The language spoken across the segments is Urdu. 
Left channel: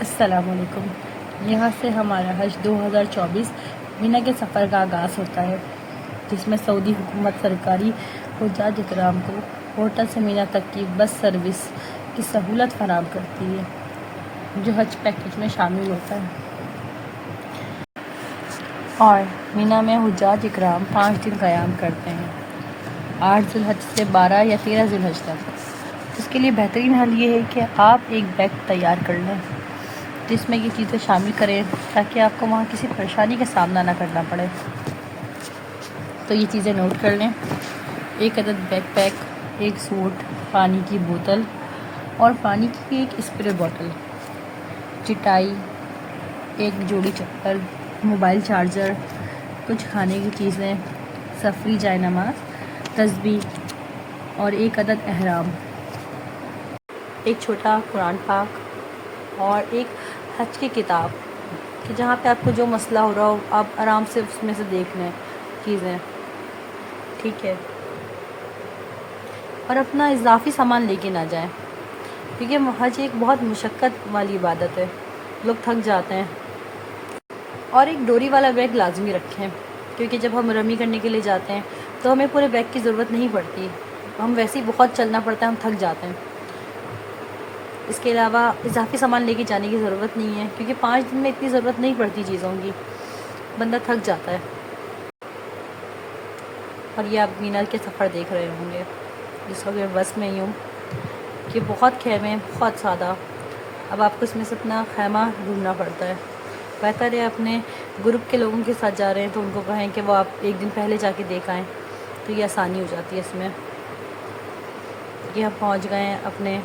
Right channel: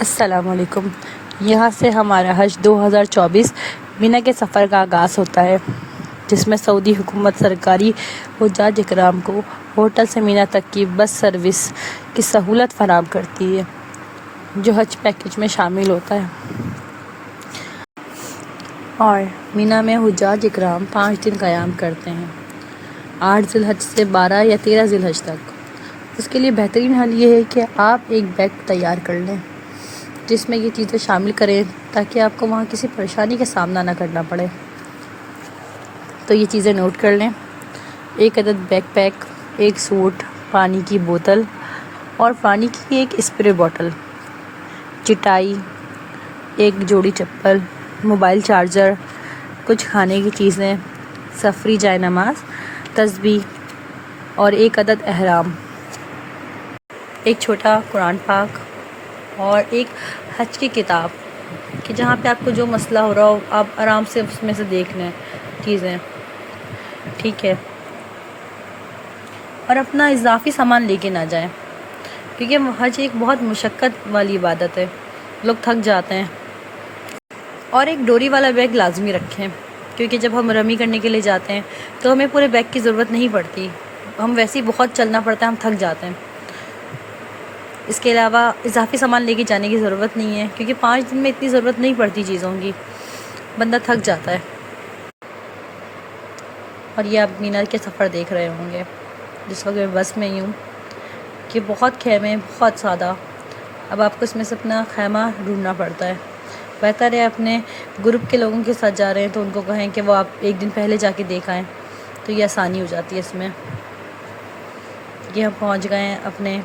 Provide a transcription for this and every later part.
السلام علیکم۔ یہاں سے ہمارا حج 2024 مینا کے سفر کا آغاز ہوتا ہے، جس میں سعودی حکومت سرکاری حجاج اکرام کو ہوٹل سے مینا تک کی بس سروس کی سہولت فراہم کرتی ہے، جو حج پیکیج میں شامل ہوتا ہے۔ اور مینا میں حجاج اکرام 5 دن قیام کرتے ہیں، 8 ذی الحج سے 12 یا 13 ذی الحج تک۔ اس کے لیے بہترین حل یہ ہے کہ آپ ایک بیگ تیار کر لیں جس میں یہ چیزیں شامل کریں، تاکہ آپ کو وہاں کسی پریشانی کا سامنا نہ کرنا پڑے۔ تو یہ چیزیں نوٹ کر لیں: 1 عدد بیک پیک، 1 سوٹ، پانی کی بوتل اور پانی کی 1 اسپرے بوتل، چٹائی، 1 جوڑی چپل، موبائل چارجر، کچھ کھانے کی چیزیں، سفری جائے نماز، تسبیح اور 1 عدد احرام، 1 چھوٹا قرآن پاک اور 1 حج کی کتاب، کہ جہاں پہ آپ کو جو مسئلہ ہو رہا ہو آپ آرام سے اس میں سے دیکھ لیں چیزیں، ٹھیک ہے۔ اور اپنا اضافی سامان لے کے نہ جائیں، کیونکہ حج ایک بہت مشقت والی عبادت ہے، لوگ تھک جاتے ہیں۔ اور 1 ڈوری والا بیگ لازمی رکھیں، کیونکہ جب ہم رمی کرنے کے لیے جاتے ہیں تو ہمیں پورے بیگ کی ضرورت نہیں پڑتی، ہم ویسے ہی بہت چلنا پڑتا ہے، ہم تھک جاتے ہیں۔ اس کے علاوہ اضافی سامان لے کے جانے کی ضرورت نہیں ہے، کیونکہ 5 دن میں اتنی ضرورت نہیں پڑتی چیزوں کی، بندہ تھک جاتا ہے۔ اور یہ آپ مینا کے سفر دیکھ رہے ہوں گے، جس وقت میں بس میں ہی ہوں، کہ بہت خیمے، بہت سادہ۔ اب آپ کو اس میں سے اپنا خیمہ ڈھونڈنا پڑتا ہے۔ بہتر ہے اپنے گروپ کے لوگوں کے ساتھ جا رہے ہیں تو ان کو کہیں کہ وہ آپ 1 دن پہلے جا کے دیکھ آئیں، تو یہ آسانی ہو جاتی ہے اس میں، کہ ہم پہنچ گئے ہیں اپنے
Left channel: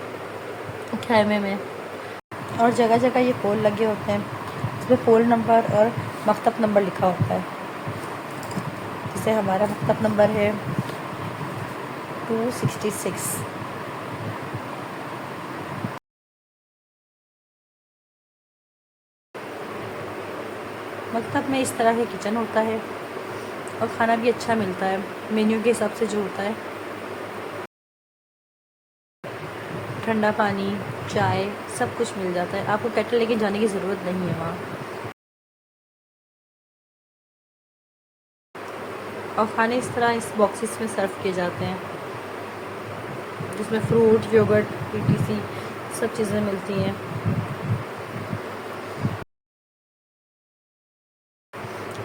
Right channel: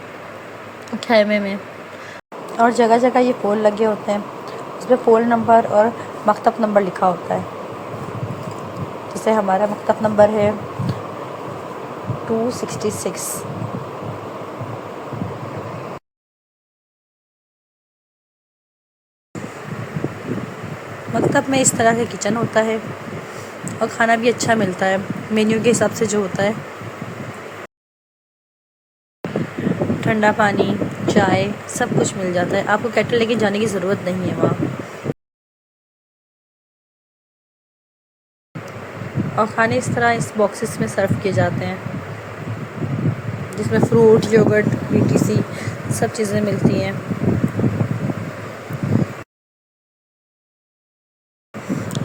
خیمے میں۔ اور جگہ جگہ یہ پول لگے ہوتے ہیں، اس پہ پول نمبر اور مکتب نمبر لکھا ہوتا ہے۔ جیسے ہمارا مکتب نمبر ہے 266۔ مکتب میں اس طرح سے کچن ہوتا ہے اور کھانا بھی اچھا ملتا ہے، مینیو کے حساب سے جو ہوتا ہے۔ ٹھنڈا پانی، چائے، سب کچھ مل جاتا ہے، آپ کو کیٹل لے کے جانے کی ضرورت نہیں ہے وہاں۔ اور کھانے اس طرح اس باکسز میں سرو کیے جاتے ہیں، جس میں فروٹ، یوگرٹ، ETC سب چیزیں ملتی ہیں۔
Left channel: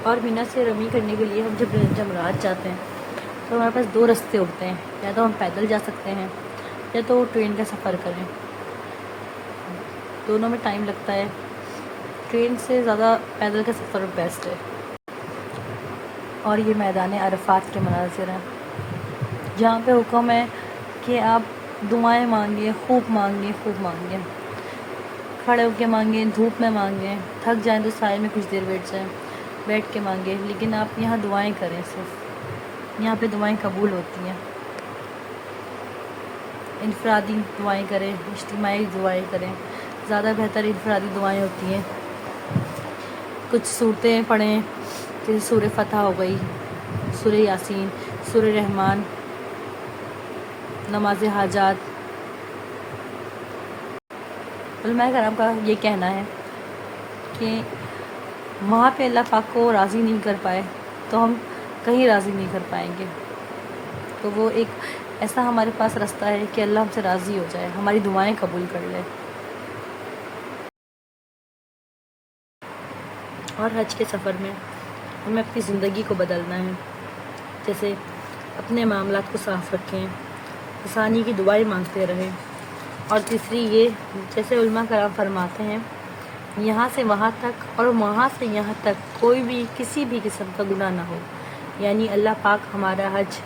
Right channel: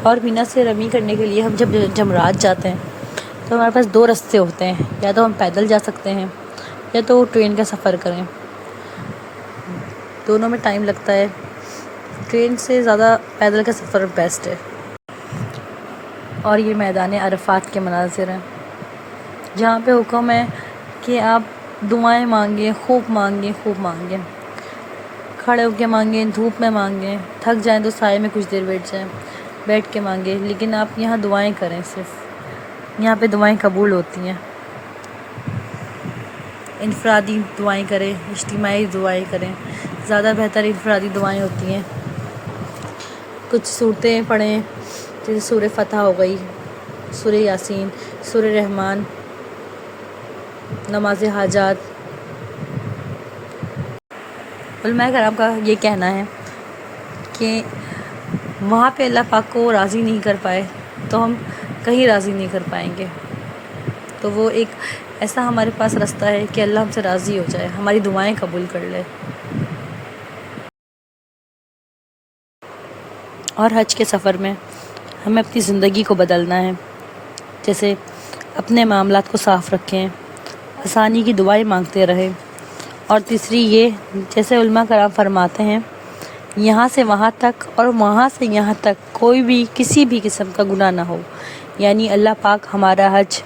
اور مینا سے رمی کرنے کے لیے ہم جب جمرات جاتے ہیں تو ہمارے پاس 2 رستے ہوتے ہیں، یا تو ہم پیدل جا سکتے ہیں یا تو ٹرین کا سفر کریں، دونوں میں ٹائم لگتا ہے، ٹرین سے زیادہ پیدل کا سفر بیسٹ ہے۔ اور یہ میدان عرفات کے مناظر ہیں، جہاں پہ حکم ہے کہ آپ دعائیں مانگیں، خوب مانگیں، خوب مانگیں، کھڑے ہو کے مانگیں، دھوپ میں مانگیں، تھک جائیں تو سائے میں کچھ دیر بیٹھ کے مانگیں، لیکن آپ یہاں دعائیں کریں، صرف یہاں پہ دعائیں قبول ہوتی ہیں۔ انفرادی دعائیں کریں، اجتماعی دعائیں کریں، زیادہ بہتر انفرادی دعائیں ہوتی ہیں۔ کچھ صورتیں پڑھیں، جیسے سورہ فتح ہو گئی، سورہ یاسین، سورہ رحمان، نماز حاجات۔ علماء کرام کا یہ کہنا ہے کہ وہاں پہ اللہ پاک کو راضی نہیں کر پائے تو ہم کہیں راضی نہیں کر پائیں گے، تو وہ ایک ایسا ہمارے پاس رستہ ہے کہ اللہ ہم سے راضی ہو جائے، ہماری دعائیں قبول کر لے۔ اور حج کے سفر میں ہمیں اپنی زندگی کو بدلنا ہے، جیسے اپنے معاملات کو صاف رکھیں، آسانی کی دعائیں مانگتے رہیں۔ اور تیسری یہ، جیسے علماء کرام فرماتے ہیں، یہاں سے وہاں تک اور وہاں سے یہاں تک کوئی بھی کسی بھی قسم کا گناہ نہ ہو، یعنی اللہ پاک ہمارا حج